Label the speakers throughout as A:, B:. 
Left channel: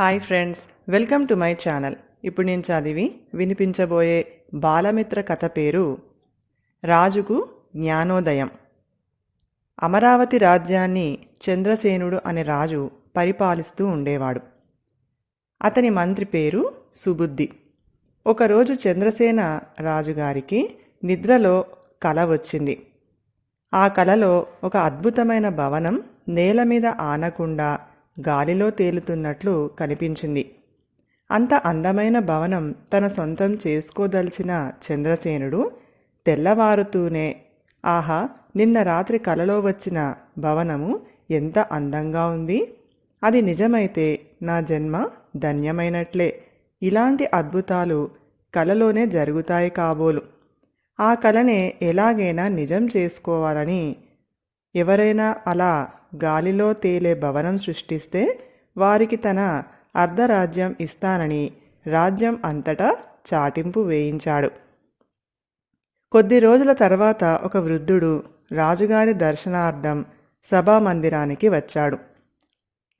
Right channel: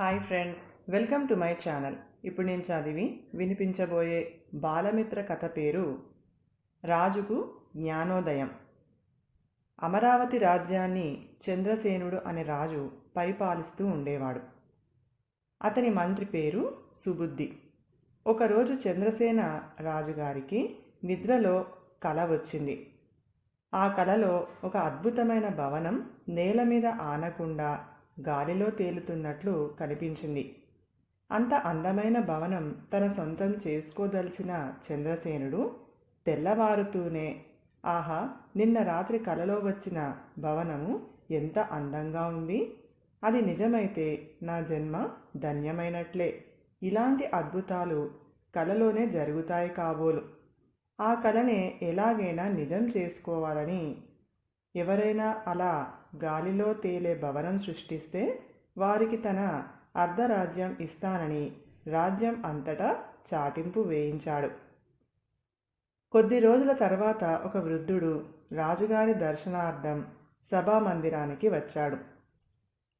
A: Hi friends welcome to my channel. ఇప్పుడు నేను చదివి వినిపించబోయే బాలమిత్ర కథ పేరు రాజుకు జ్ఞానోదయం. అమరావతి రాజ్యాన్ని చంద్రసేనుడు అనే రాజు పరిపాలిస్తూ ఉండేవాడు. అతని మంత్రి పేరు సుబుద్ధి. ఒకరోజు చంద్రసేన రాజుగారికి నిద్రలో కల వచ్చింది. ఆ కలలో ఒక అద్భుతమైన భవనం నేల మీద ఆనకుండా గాలిలో తేలుతున్నట్లు కనిపించింది. అంత అందమైన భవనం తన సొంతం చేసుకోదలిచిన చంద్రసేనుడు తెల్లవారుతూనే ఆహా నిన్న రాత్రి కలలో వచ్చిన భవనము ఎంత అందంగా ఉంది. అది నిజమైతే నా జన్మ ధన్యమైనట్లే. ఇలాంటి అద్భుతాలు కలలోనే జరుగుతాయి కాబోలు. ఆ కలనే ఎలాగైనా నిజం చేసుకోవాలని ఎవరైనా అలా గాలిలో తేలే భవనం సృష్టిస్తే వారికి తన అర్ధరాజ్యం ఇస్తానని రాజ్యం అంతటా చాటింపు వేయించాడు. కొద్ది రోజుల తర్వాత ఒక వృద్ధుడు రాజుగారి దర్శనార్థం సభామందిరానికి వచ్చాడు.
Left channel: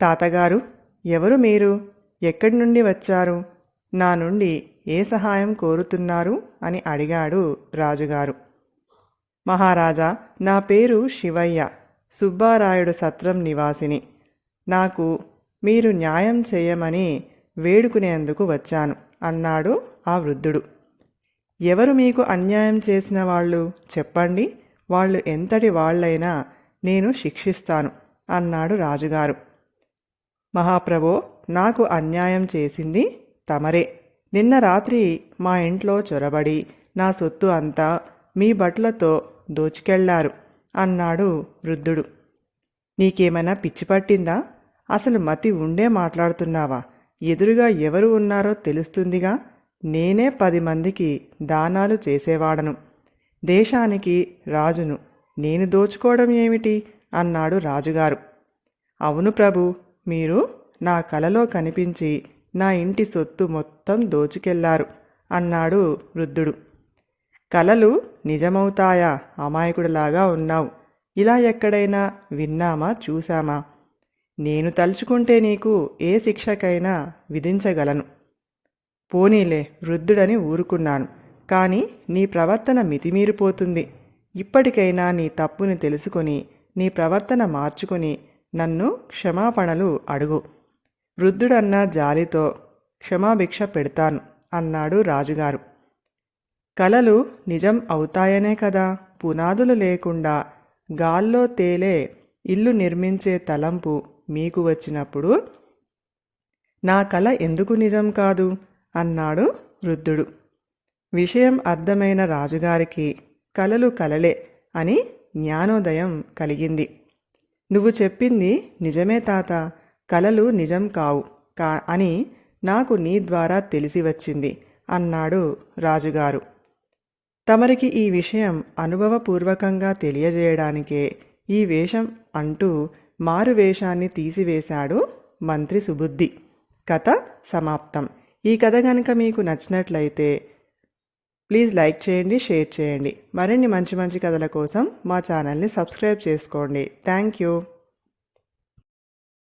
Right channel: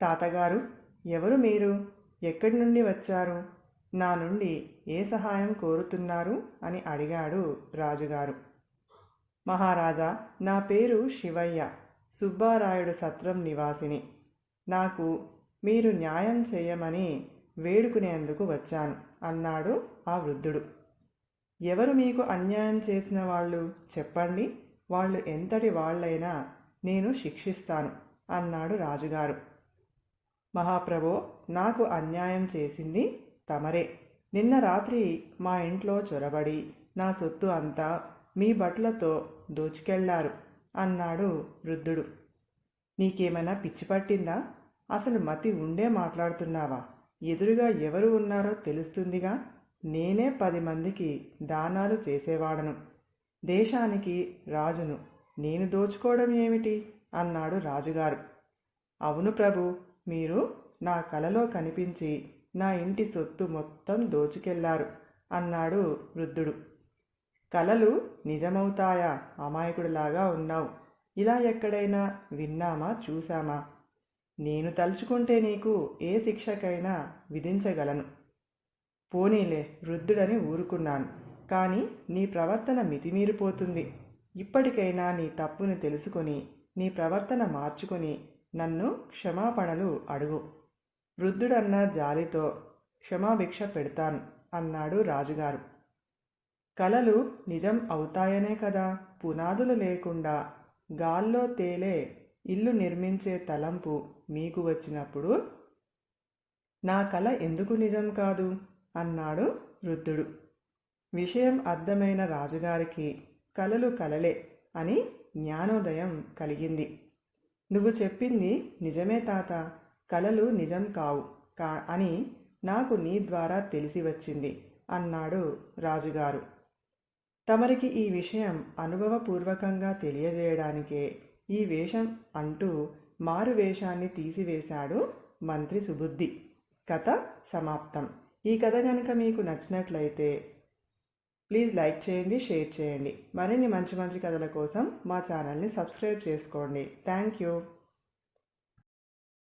A: తాతగారు ఎవరు మీరు? ఎక్కడి నుండి వచ్చారు? నా నుండి ఏ సహాయం కోరుతున్నారు? అని అడిగాడు రాజుగారు. మహారాజా నా పేరు శివయ్య. సుబ్బారాయుడు సత్రం నివాసిని. నాకు మీరు న్యాయం చేయమని వేడుకునేందుకు వచ్చాను అన్నాడు ఆ వృద్ధుడు. ఎవరు మీకు అన్యాయం చేసిన వాళ్ళు చెప్పండి వాళ్ళు ఎంతటి వాళ్ళైనా నేను శిక్షిస్తాను అన్నాడు రాజుగారు. మహాప్రభో నాకు అన్యాయం చేసింది తమరే. నిన్న రాత్రి మా ఇంట్లో చొరబడి నా సొత్తు అంతా మీ బట్లతో దోచుకెళ్ళారు. అన్నాడు వృద్ధుడు. నీకేమైనా పిచ్చి పట్టిందా? అసలు మతి ఉండే మాట్లాడుతున్నావా? ఎదురుగా ఎవరు ఉన్నారో తెలుస్తుందిగా. నేనే పది మందికి దానాలు చేసేవాడను. దేశానికి రాజును. నేను దోచుకోవడం ఏమిటి? అన్నాడు రాజుగారు. అవును ప్రభు మీరు నా కలలో కనిపించి నా ఇంటి సొత్తు మొత్తం దోచుకెళ్ళారు అన్నాడు వృద్ధుడు. కలలు నిజమవుతాయా? అమాయకుడిలాగా ఉన్నావు. ఇలా ఎక్కడైనా విన్నామా? చూశామా? నేను తలుచుకుంటే నీకు ఏ శిక్షకైనా విధించగలను. పోనీలే వృద్ధుడని ఊరుకున్నాను. కానీ నీ ప్రవర్తన మితిమీరిపోతుంది. ఇప్పటికైనా నీ తప్పుని తెలుసుకొని నీ ప్రవర్తన మార్చుకొని నన్ను క్షమాపణలు అడుగు. వృద్ధుడన్న జాలితో క్షమాభిక్ష పెడతాను అన్నాడు రాజుగారు. కలలు నిజం అవుతాయనే కదా. పునాదులు లేకుండా గాల్లో తేలే ఇల్లు నిర్మించే తలంపు మీకు వచ్చినప్పుడు నా కల ఎందుకు నిజం కాదు? అన్నాడు వృద్ధుడు. విషయం అర్థమైన రాజుగారికి కలలు కలలే అని జ్ఞానోదయం కలిగింది. నువ్వు చెప్పింది నిజమే తాత కలలు నిజం కావు కా అని నాకు నీ ద్వారా తెలిసి వచ్చింది అన్నాడు రాజుగారు. తమరికి ఈ విషయం అనుభవపూర్వకంగా తెలియజేయడానికే ఈ వేషం అంటూ మారు వేషాన్ని తీసివేశాడు మంత్రి సుబుద్ధి. కథ సమాప్తం. ఈ కథ కనుక మీకు నచ్చినట్లయితే ప్లీజ్ లైక్ చేయండి షేర్ చేయండి. మరిన్ని మంచి మంచి కథల కోసం మా ఛానల్ని సబ్స్క్రైబ్ చేసుకోండి. Thank you.